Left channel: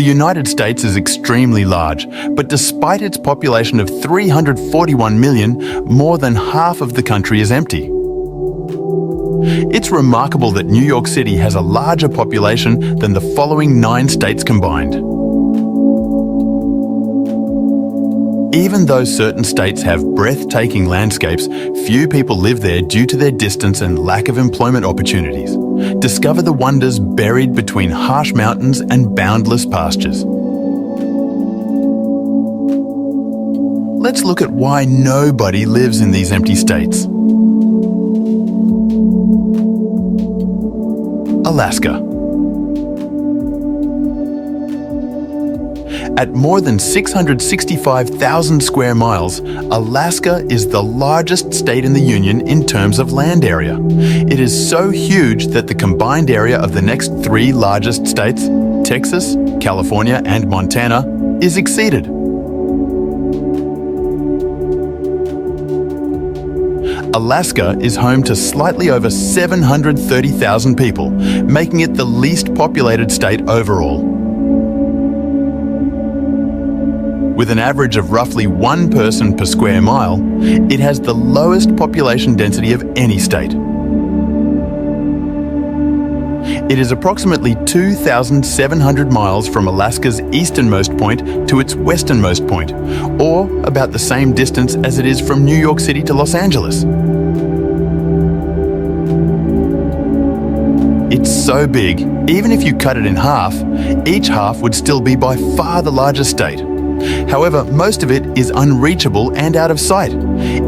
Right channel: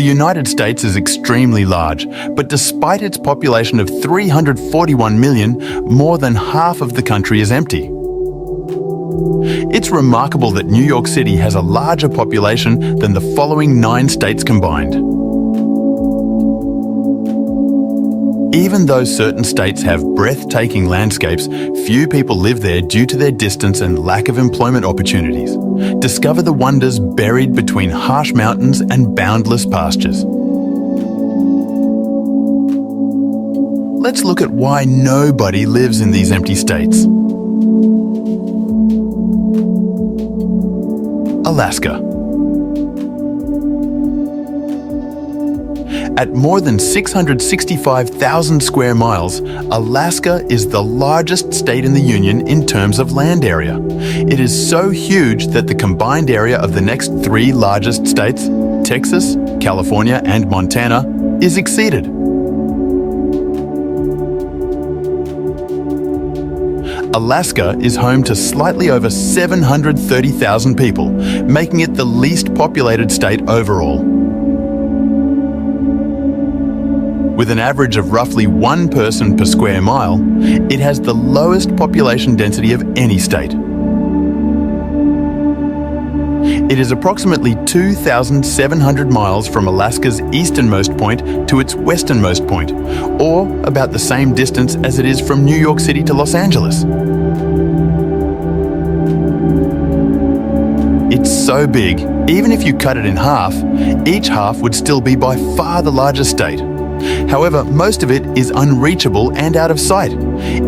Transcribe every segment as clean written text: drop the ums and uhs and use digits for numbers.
The United States is extremely large, but despite its population of 341 million, more than half of the country is empty. It's remarkable that New York City has a larger population than the following 9 states combined. Even though certain states have breathtaking landscapes, few people live there due to their distance and lack of employment opportunities. Discover the wonders buried between harsh mountains and boundless pastures. Let's look at why nobody lives in these empty states. Alaska. At more than 665,000 square miles, Alaska is the largest state in the Union in terms of land area. It is so huge that the combined area of the next 3 largest states, Texas, California, and Montana, is exceeded. Alaska is home to slightly over 730,000 people, making it the least populated state overall. With an average of roughly 1 person per square mile, it has the lowest population density of any state. It is approximately 2,700 miles from Alaska's easternmost point to its westernmost point, or about the same distance as it is from New York City to Los Angeles. It's so big, even if you cut it in half, each half would still be by far the largest state. However, most of it is unreachable and out of sight,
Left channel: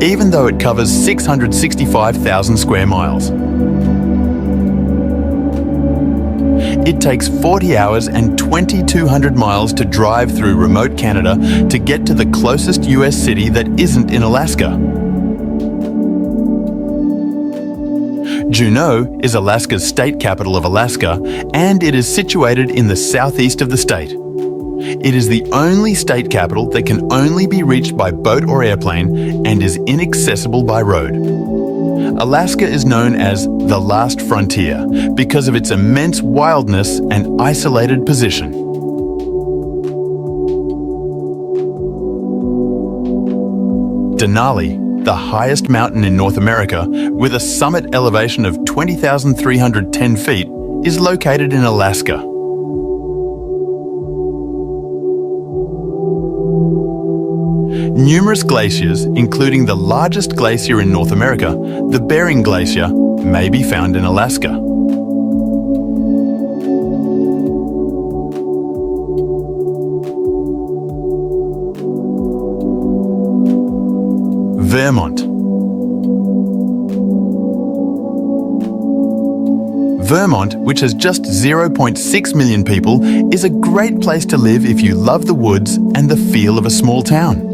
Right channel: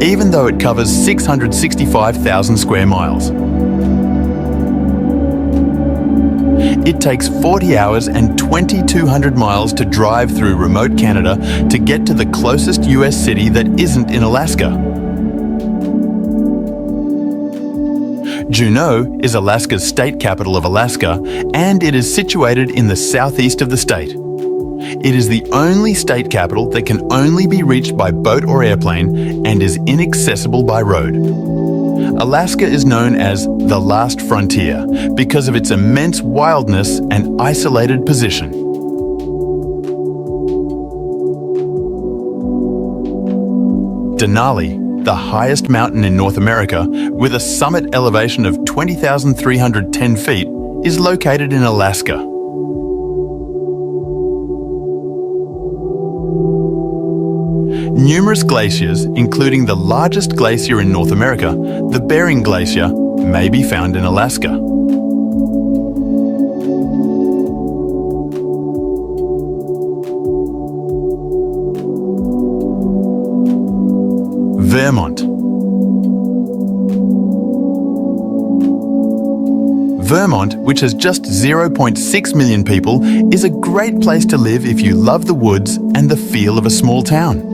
even though it covers 665,000 square miles. It takes 40 hours and 2,200 miles to drive through remote Canada to get to the closest US city that isn't in Alaska. Juneau is Alaska's state capital of Alaska, and it is situated in the southeast of the state. It is the only state capital that can only be reached by boat or airplane and is inaccessible by road. Alaska is known as the last frontier because of its immense wildness and isolated position. Denali, the highest mountain in North America, with a summit elevation of 20,310 feet, is located in Alaska. Numerous glaciers, including the largest glacier in North America, the Bering Glacier, may be found in Alaska. Vermont. Vermont, which has just 0.6 million people, is a great place to live if you love the woods and the feel of a small town.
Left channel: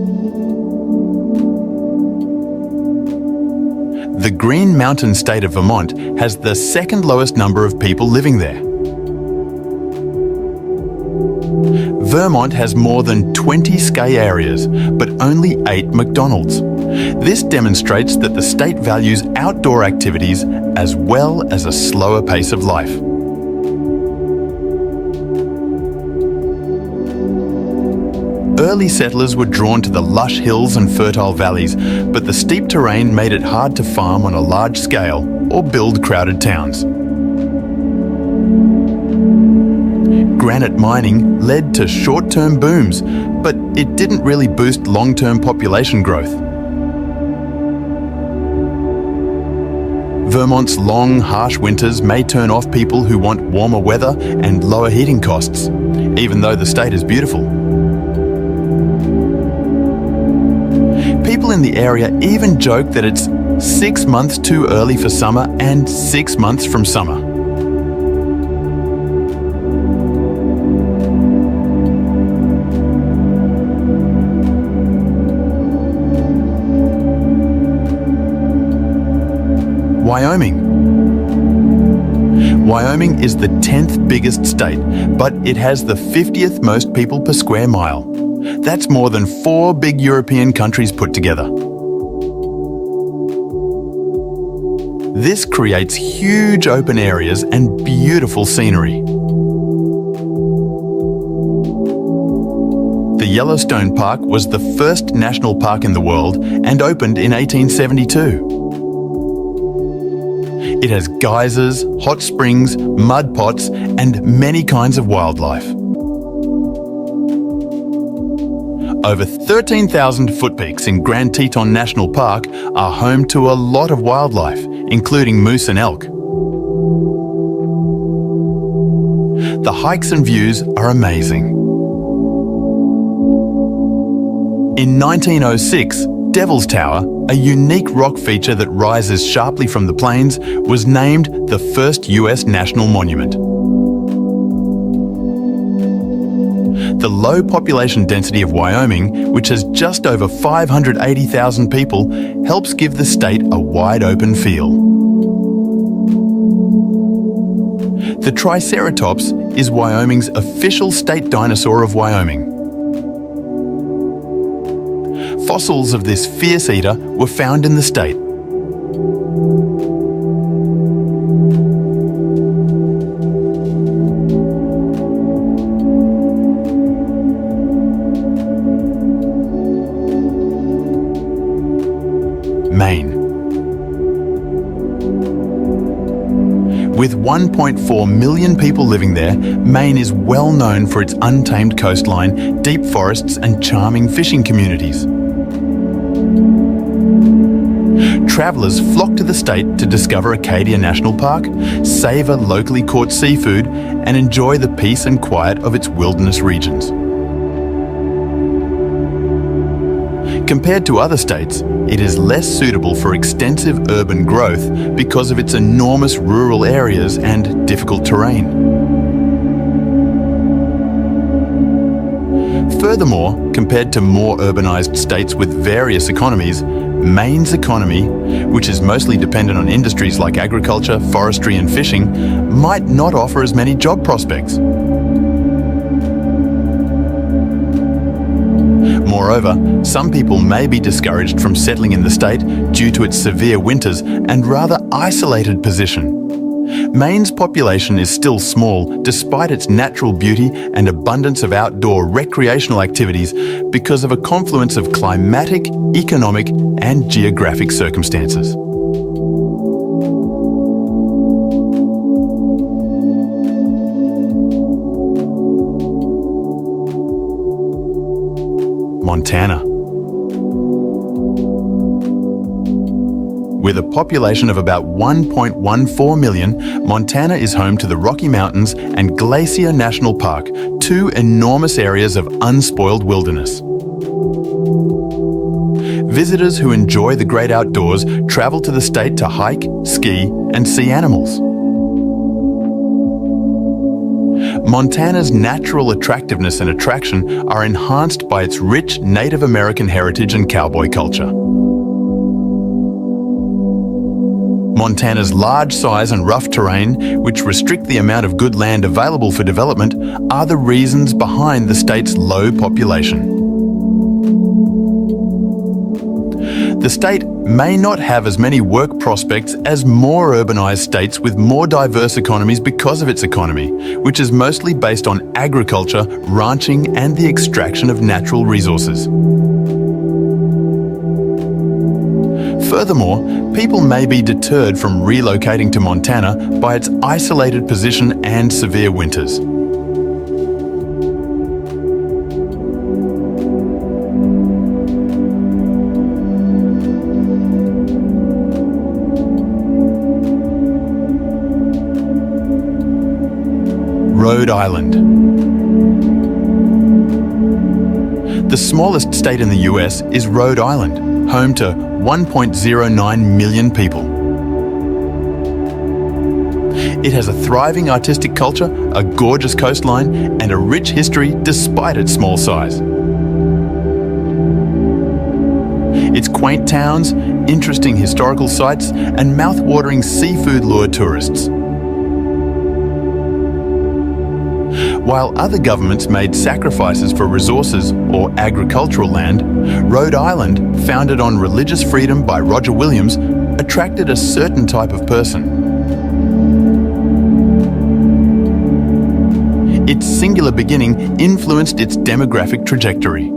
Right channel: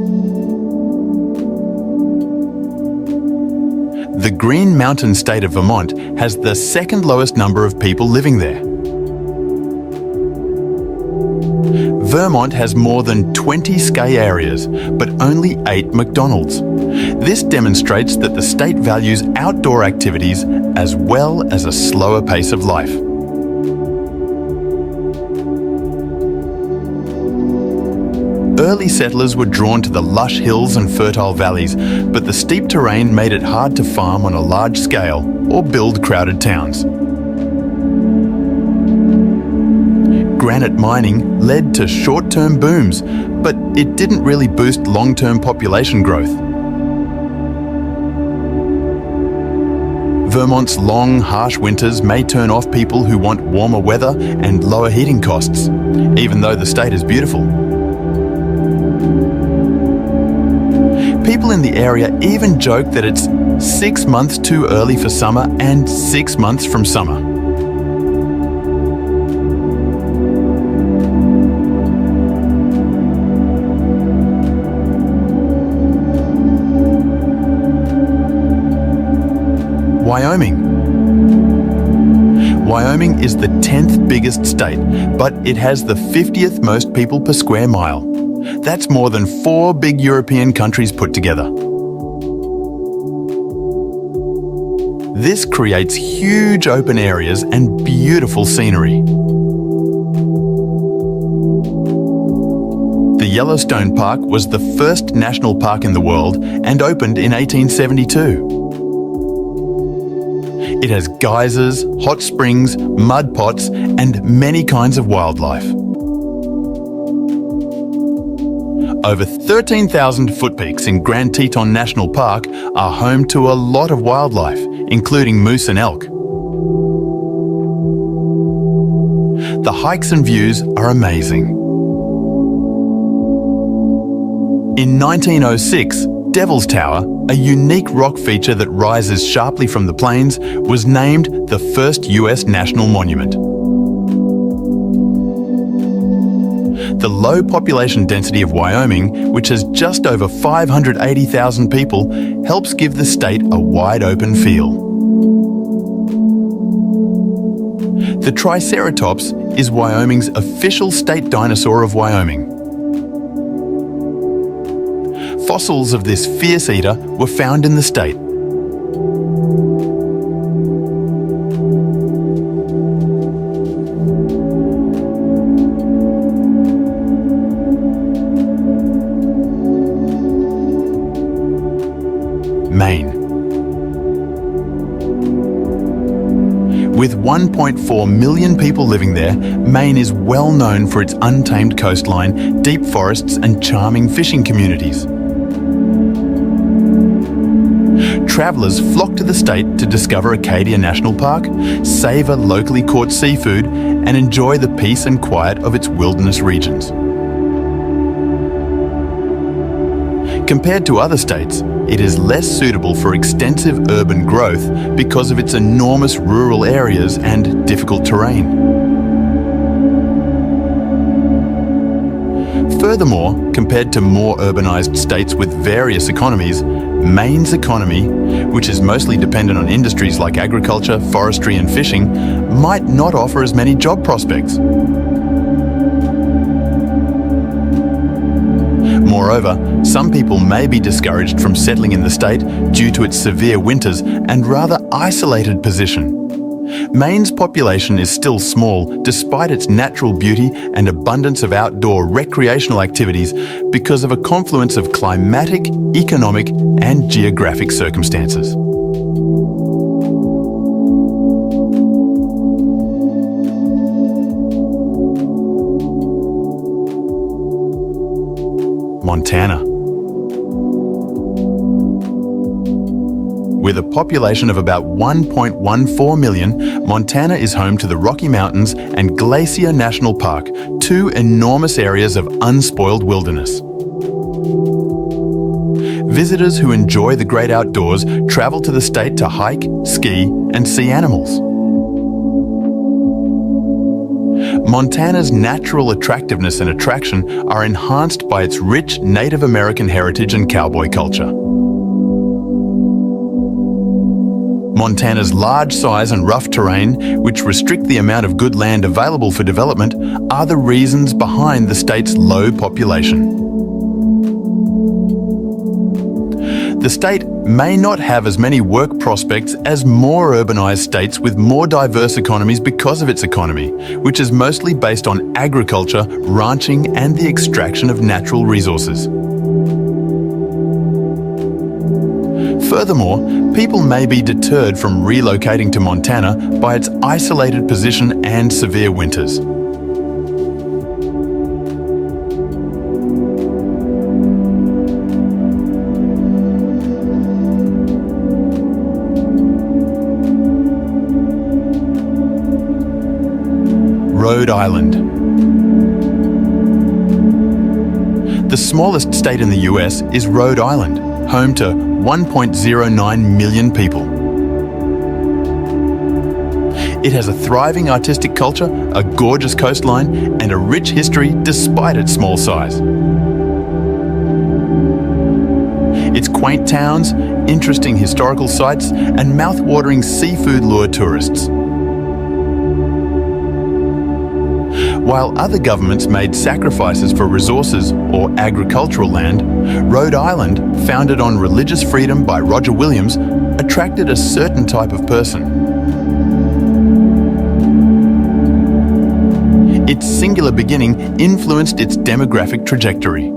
The Green Mountain state of Vermont has the second lowest number of people living there. Vermont has more than 20 ski areas, but only 8 McDonald's. This demonstrates that the state values outdoor activities as well as a slower pace of life. Early settlers were drawn to the lush hills and fertile valleys, but the steep terrain made it hard to farm on a large scale or build crowded towns. Granite mining led to short-term booms, but it didn't really boost long-term population growth. Vermont's long, harsh winters may turn off people who want warmer weather and lower heating costs, even though the state is beautiful. People in the area even joke that it's 6 months too early for summer and 6 months from summer. Wyoming. Wyoming is the 10th biggest state, but it has the 50th most people per square mile. That's more than 4 big European countries put together. This creates huge open areas and beautiful scenery. The Yellowstone Park was the first national park in the world and opened in 1872. It has geysers, hot springs, mud pots, and many kinds of wildlife. Over 13,000 foot peaks in Grand Teton National Park are home to a lot of wildlife, including moose and elk. The hikes and views are amazing. In 1906, Devil's Tower, a unique rock feature that rises sharply from the plains, was named the first US national monument. The low population density of Wyoming, which has just over 580,000 people, helps give the state a wide-open feel. The Triceratops is Wyoming's official state dinosaur of Wyoming. Fossils of this fierce eater were found in the state. Maine. With 1.4 million people living there, Maine is well known for its untamed coastline, deep forests, and charming fishing communities. Travellers flock to the state to discover Acadia National Park, savour locally caught seafood, and enjoy the peace and quiet of its wilderness regions. Compared to other states, it is less suitable for extensive urban growth because of its enormous rural areas and difficult terrain. Furthermore, compared to more urbanised states with various economies, Maine's economy, which is mostly dependent on industries like agriculture, forestry and fishing, might not offer as many job prospects. Moreover, some people may be discouraged from settling in the state due to its severe winters and rather isolated position. Maine's population is still small despite its natural beauty and abundance of outdoor recreational activities because of a confluence of climatic, economic and geographic circumstances. Montana. With a population of about 1.14 million, Montana is home to the Rocky Mountains and Glacier National Park, two enormous areas of unspoiled wilderness. Visitors who enjoy the great outdoors travel to the state to hike, ski, and see animals. Montana's natural attractiveness and attraction are enhanced by its rich Native American heritage and cowboy culture. Montana's large size and rough terrain, which restrict the amount of good land available for development, are the reasons behind the state's low population. The state may not have as many work prospects as more urbanised states with more diverse economies because of its economy, which is mostly based on agriculture, ranching and the extraction of natural resources. Furthermore, people may be deterred from relocating to Montana by its isolated position and severe winters. Rhode Island. The smallest state in the US is Rhode Island, home to 1.09 million people. It has a thriving artistic culture, a gorgeous coastline, and a rich history despite its small size. Its quaint towns, interesting historical sites, and mouth-watering seafood lure tourists. While other governments made sacrifices for resources or agricultural land, Rhode Island, founded on religious freedom by Roger Williams, attracted a certain type of person. Its singular beginning influenced its demographic trajectory.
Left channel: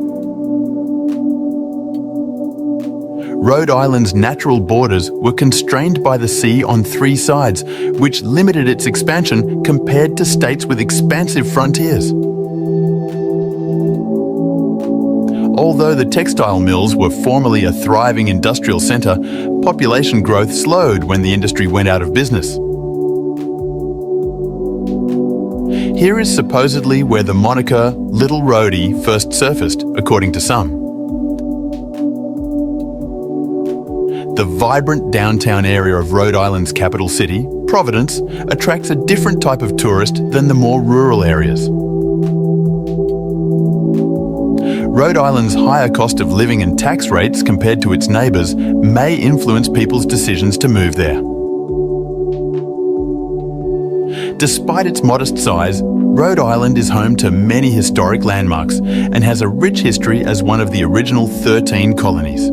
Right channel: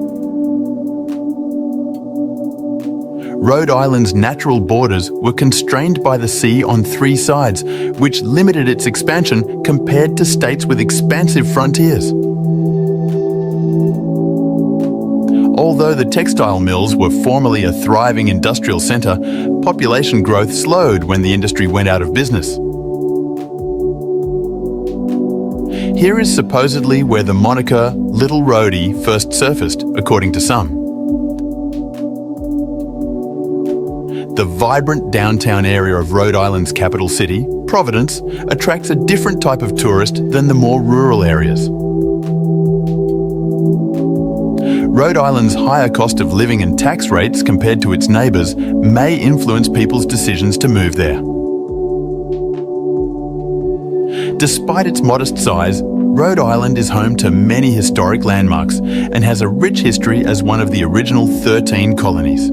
Rhode Island's natural borders were constrained by the sea on three sides, which limited its expansion compared to states with expansive frontiers. Although the textile mills were formerly a thriving industrial centre, population growth slowed when the industry went out of business. Here is supposedly where the moniker Little Rhodey first surfaced, according to some. The vibrant downtown area of Rhode Island's capital city, Providence, attracts a different type of tourist than the more rural areas. Rhode Island's higher cost of living and tax rates compared to its neighbours may influence people's decisions to move there. Despite its modest size, Rhode Island is home to many historic landmarks and has a rich history as one of the original 13 colonies.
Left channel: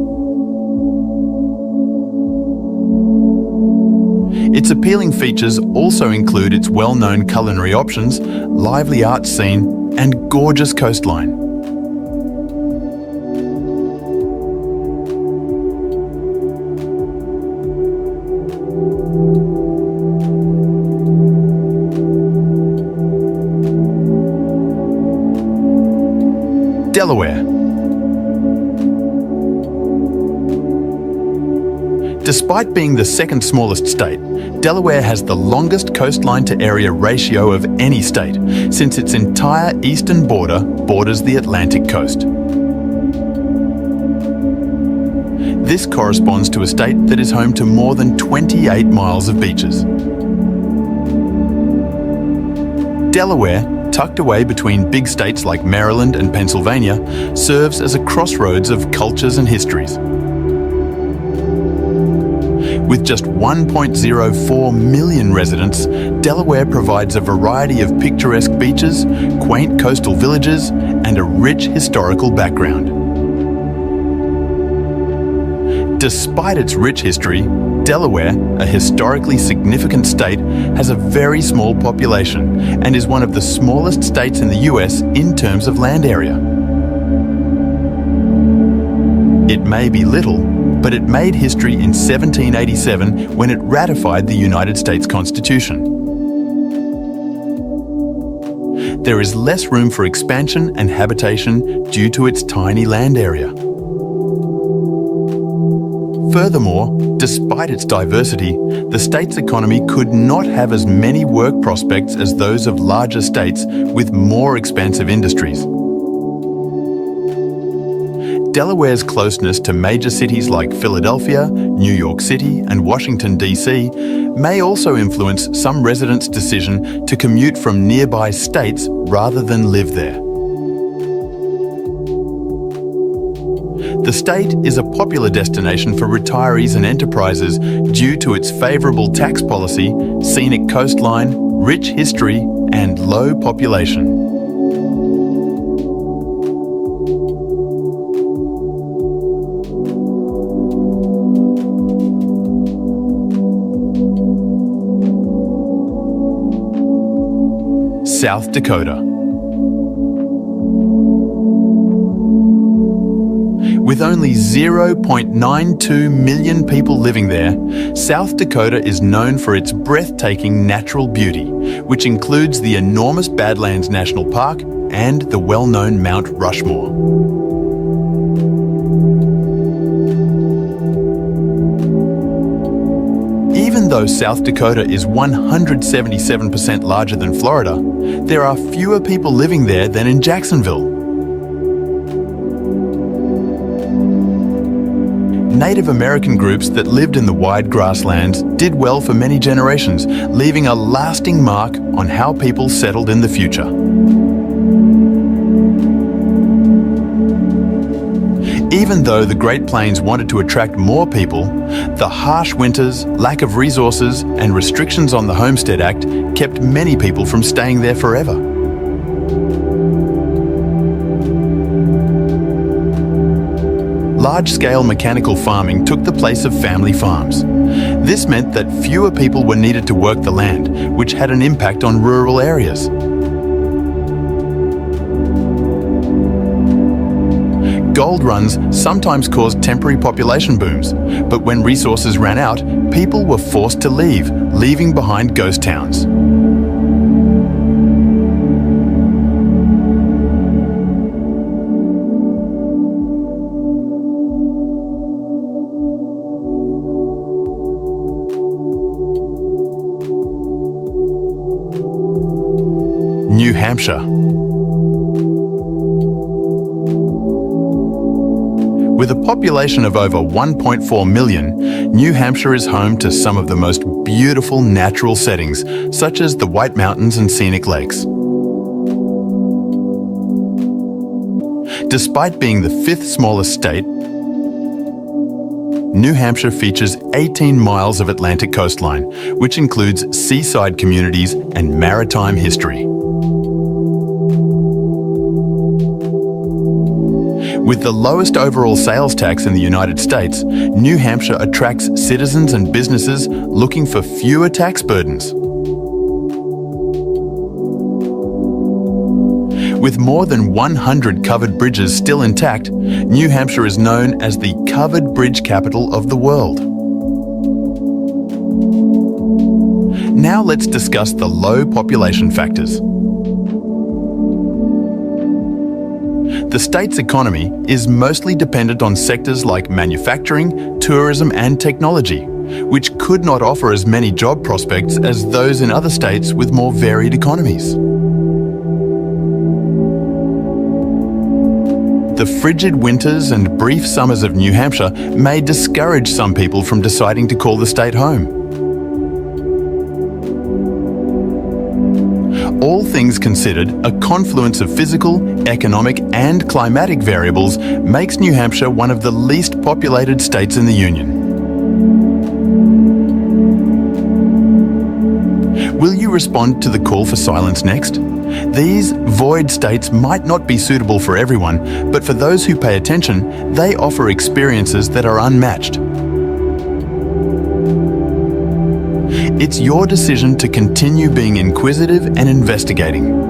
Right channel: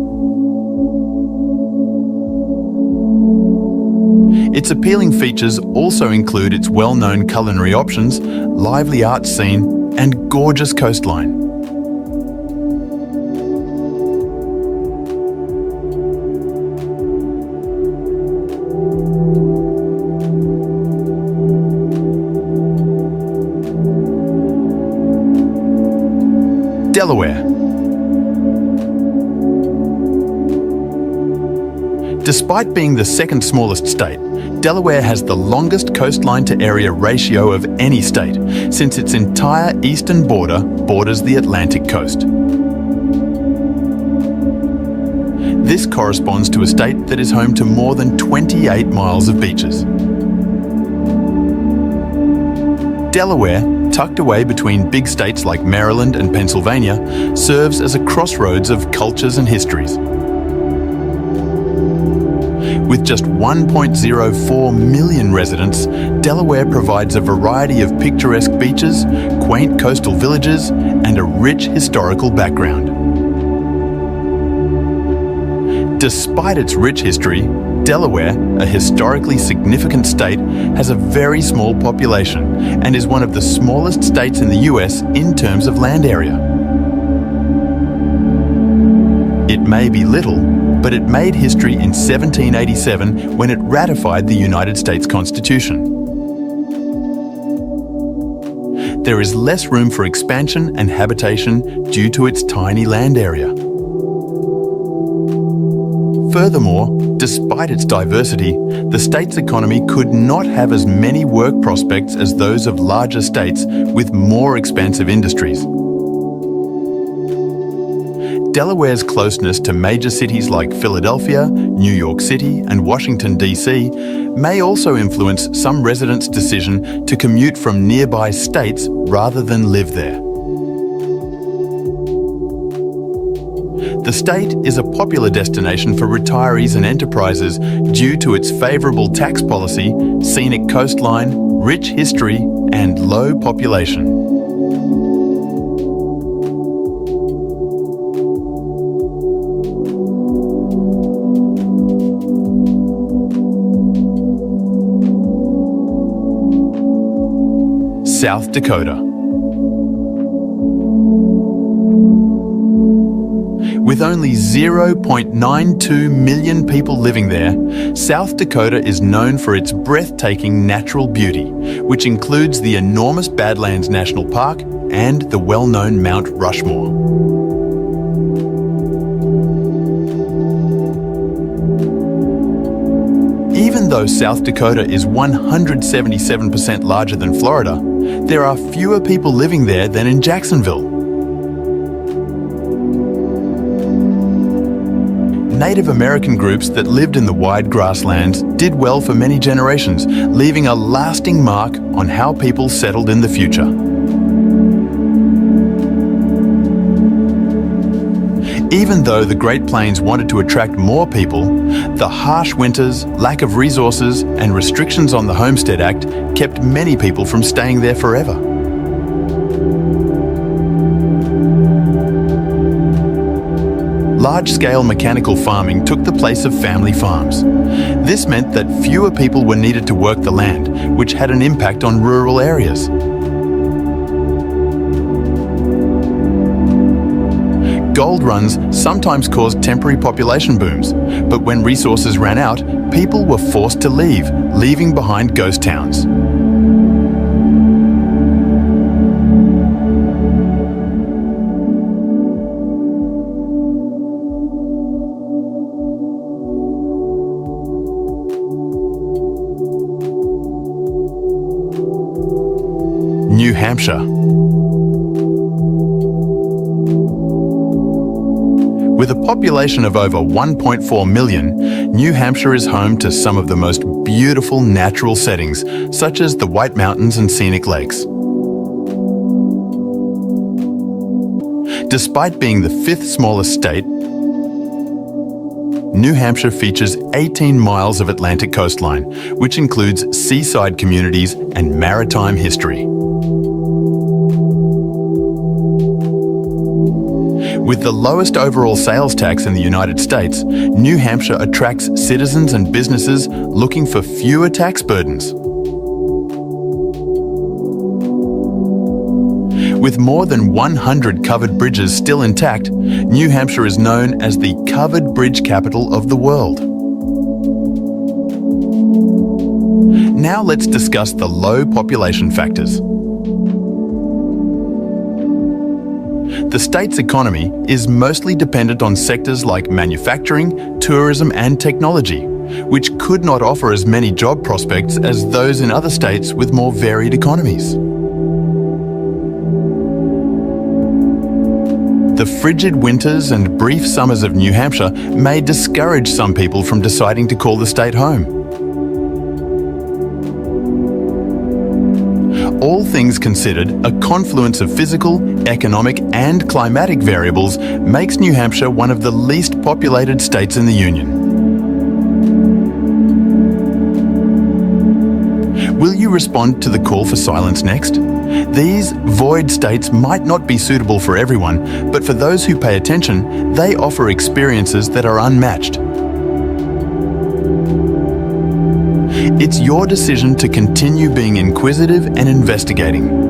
Its appealing features also include its well-known culinary options, lively art scene, and gorgeous coastline. Delaware. Despite being the second smallest state, Delaware has the longest coastline to area ratio of any state, since its entire eastern border borders the Atlantic coast. This corresponds to a state that is home to more than 28 miles of beaches. Delaware, tucked away between big states like Maryland and Pennsylvania, serves as a crossroads of cultures and histories. With just 1.04 million residents, Delaware provides a variety of picturesque beaches, quaint coastal villages, and a rich historical background. Despite its rich history, Delaware, a historically significant state, has a very small population and is one of the smallest states in the US in terms of land area. It may be little, but it made history in 1787 when it ratified the United States Constitution. There is less room for expansion and habitation due to its tiny land area. Furthermore, despite its diversity, the state's economy could not have as many work prospects as those of larger states with more expansive industries. Delaware's closeness to major cities like Philadelphia, New York City, and Washington, D.C. may also influence some residents' decision to commute from nearby states rather than live there. The state is a popular destination for retirees and enterprises due to its favourable tax policy, scenic coastline, rich history, and low population. South Dakota. With only 0.92 million people living there, South Dakota is known for its breathtaking natural beauty, which includes the enormous Badlands National Park and the well-known Mount Rushmore. Even though South Dakota is 177% larger than Florida, there are fewer people living there than in Jacksonville. Native American groups that lived in the wide grasslands did well for many generations, leaving a lasting mark on how people settled in the future. Even though the Great Plains wanted to attract more people, the harsh winters, lack of resources, and restrictions on the Homestead Act kept many people from staying there forever. Large-scale mechanical farming took the place of family farms. This meant that fewer people were needed to work the land, which had an impact on rural areas. Gold runs sometimes caused temporary population booms, but when resources ran out, people were forced to leave, leaving behind ghost towns. New Hampshire. With a population of over 1.4 million, New Hampshire is home to some of the most beautiful natural settings, such as the White Mountains and scenic lakes. Despite being the fifth smallest state, New Hampshire features 18 miles of Atlantic coastline, which includes seaside communities and maritime history. With the lowest overall sales tax in the United States, New Hampshire attracts citizens and businesses looking for fewer tax burdens. With more than 100 covered bridges still intact, New Hampshire is known as the covered bridge capital of the world. Now let's discuss the low population factors. The state's economy is mostly dependent on sectors like manufacturing, tourism and technology, which could not offer as many job prospects as those in other states with more varied economies. The frigid winters and brief summers of New Hampshire may discourage some people from deciding to call the state home. All things considered, a confluence of physical, economic and climatic variables makes New Hampshire one of the least populated states in the Union. Will you respond to the call for silence next? These void states might not be suitable for everyone, but for those who pay attention, they offer experiences that are unmatched. It's your decision to continue being inquisitive and investigating.